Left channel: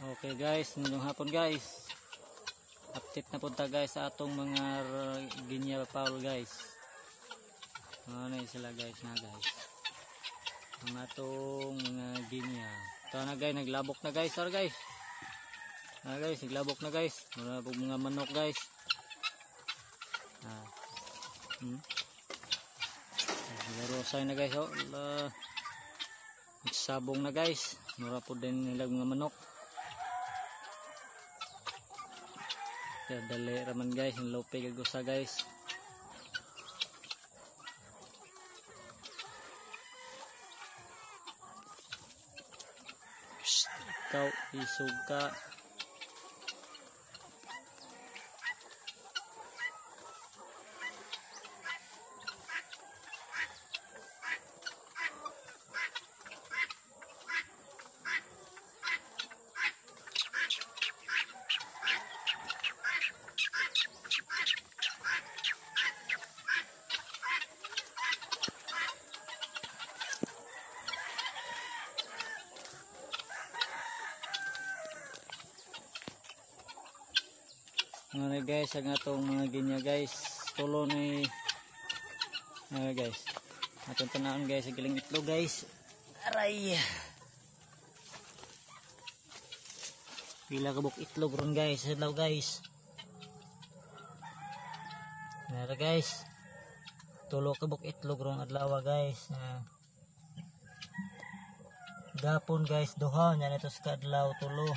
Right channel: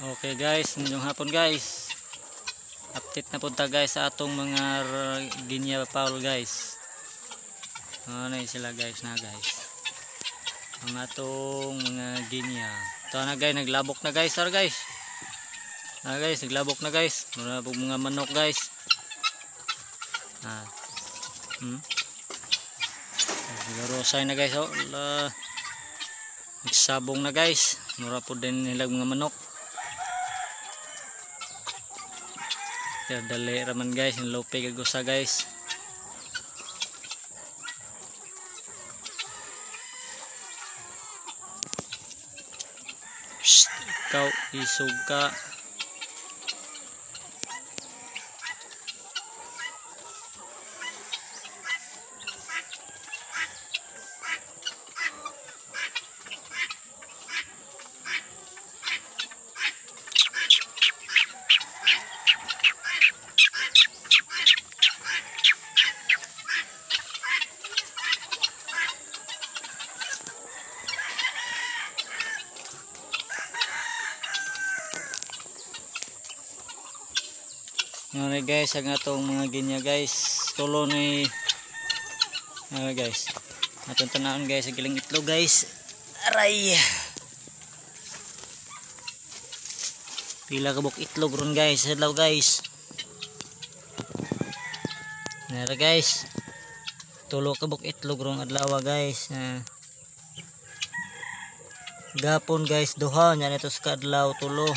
Okay guys, ngayong hapon guys, update na punta guys sa atong mga ginya paul guys. Ano sila guys na guys, ang atong mga ginya. Ito na guys, naglabok na guys, guys. Guys, naglabok na guys. Muna po mga manok guys. Rosay na guys, oh. Nagsabong na guys. Mura po din nila mga manok. Dali raman guys, yung lope gagusa guys. Psst, ikaw isog ka. Ngayon guys, ang atong mga ginya guys, tulo ni guys, atong tanawon guys, ang giling itlog guys. Aray, pila kabuk itlog ron guys, hello guys. Nara guys, tulo kabuk itlog ron adlaw guys. Gapon guys, duha nya nito sa adlaw tulo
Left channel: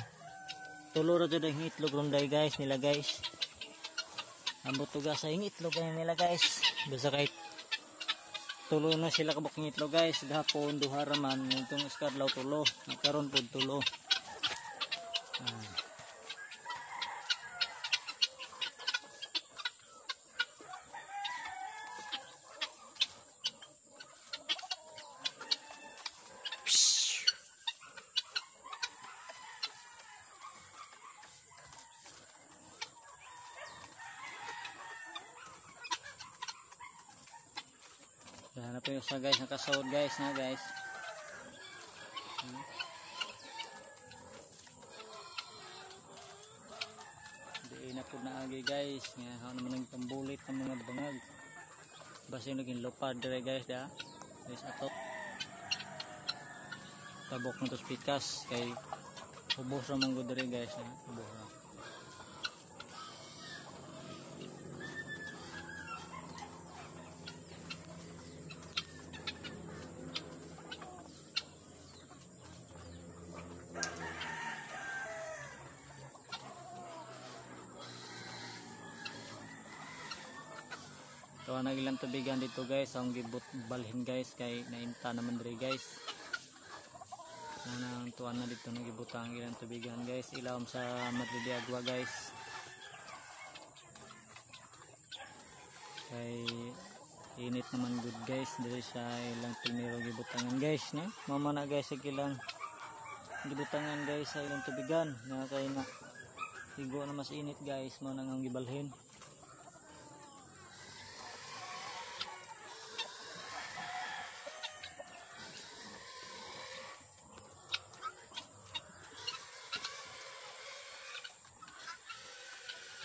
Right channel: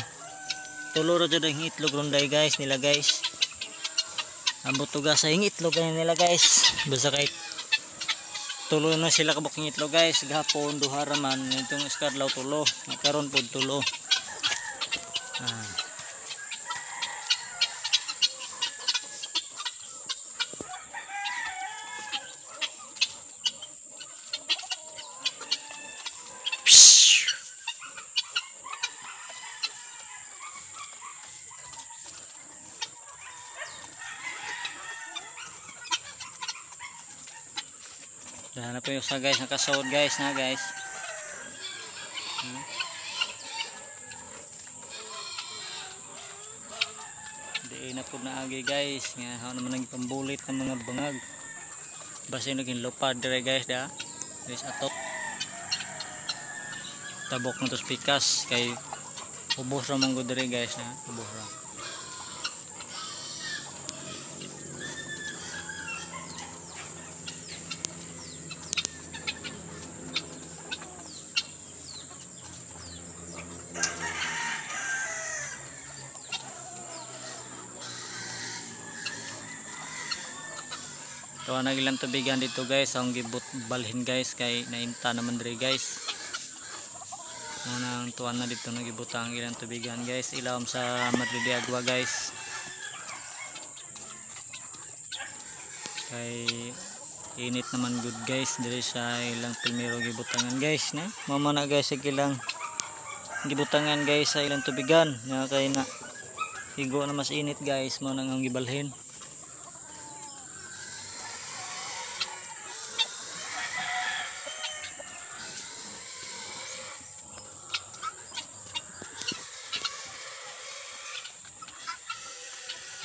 ro jud ang itlog ron day guys nila guys. Ambot tuga sa itlog nila guys. Basta kahit tulo na sila kabuk ng itlog guys. Gapon duha raman itong iskadlaw tulo. Karon pod tulo. Dahil na po yung sa guys, nakasawad guys na guys. Di na po naagi guys. Nga naman naging pambulit ng mga bangag. Basta yung naging lupad dire guys da. Guys atok. Tabok na tos pikas. Kay ubos ramang good dire guys na. Ubos ram. Tuwa na ilang tubigan dito guys, ang gibut balhin guys kay nainta naman dire guys. Nang tuwa na dito nagibutang ilang tubigan guys, ilawom sa Madridiagua guys. Kay init naman good guys dire sa ilang primero gibutangan guys na. Mama na guys sa ilang gibutangan guys sa ilang tubigan, nga kay na higo na mas init guys mo nang gibalhin.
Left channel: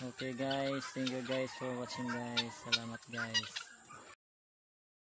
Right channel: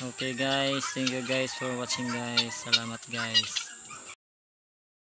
Okay guys, thank you guys for watching guys. Salamat guys.